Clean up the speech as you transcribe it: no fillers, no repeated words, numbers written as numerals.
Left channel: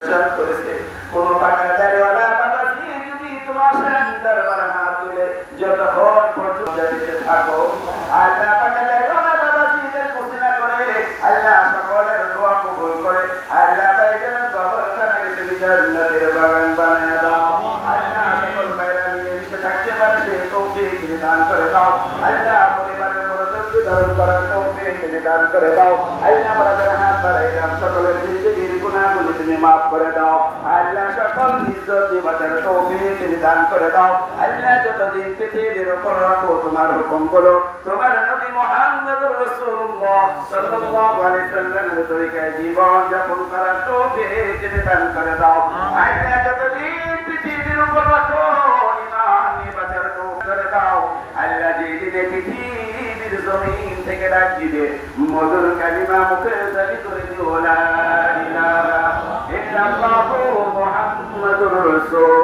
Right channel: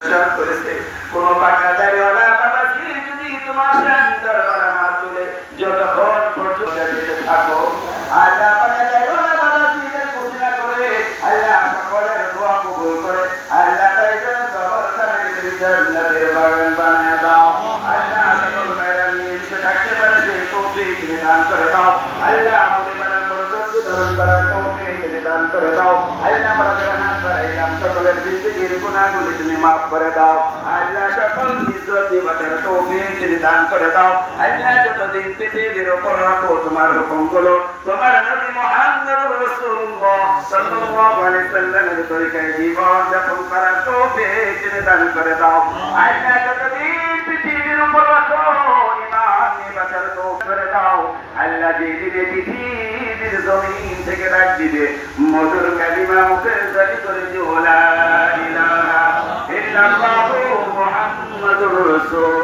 করেছে কোন টাকাদারিওয়ালা বাবাজি যদি তোমার দরবারে হাত তুলে যতক্ষণ পর্যন্ত দিতে থাকো, আল্লাহ টাকাদারিওয়ালা বাবাজিদের ঘোষণা করে আল্লাহ সকলের দোয়া কবুল করে আল্লাহ তাইদের কবরস্থানে জান্নাতের বাগান বানিয়ে দাও। আল্লাহ সকল ভাইরা নিয়ে এসে থাকতে পারবে তৌফিক দান করে দাও। আল্লাহ পরিবারের মনোযোগ ধারণ করার তৌফিক দান করে দাও। আল্লাহ বড়দের হাত বাড়াইলাম, সকলের জিন্দেগির গুনাহগুলি তুমি মাফ করে দাও। আল্লাহ সকল ইজ্জত নিবাতের তৌফিক দান করে দাও। আল্লাহ যতদিন পৃথিবীর উপর রাখো তোমার হুকুমগুলো তোমার নবী মুহাম্মদ রাসূলুল্লাহ সাল্লাল্লাহু আলাইহি সাল্লামের তরিকায় জীবন যাপন করার তৌফিক দান করে দাও। আল্লাহ যতদিন পৃথিবীর উপর রাখো ঈমান নিবাতের তৌফিক করে দাও। আল্লাহ যেদিনে পৃথিবীর জমিন থেকে ডাক দিবে মধুর কালিমা মুখে জারি করে দিও লা ইলাহা ইল্লাল্লাহু মুহাম্মাদুর রাসূল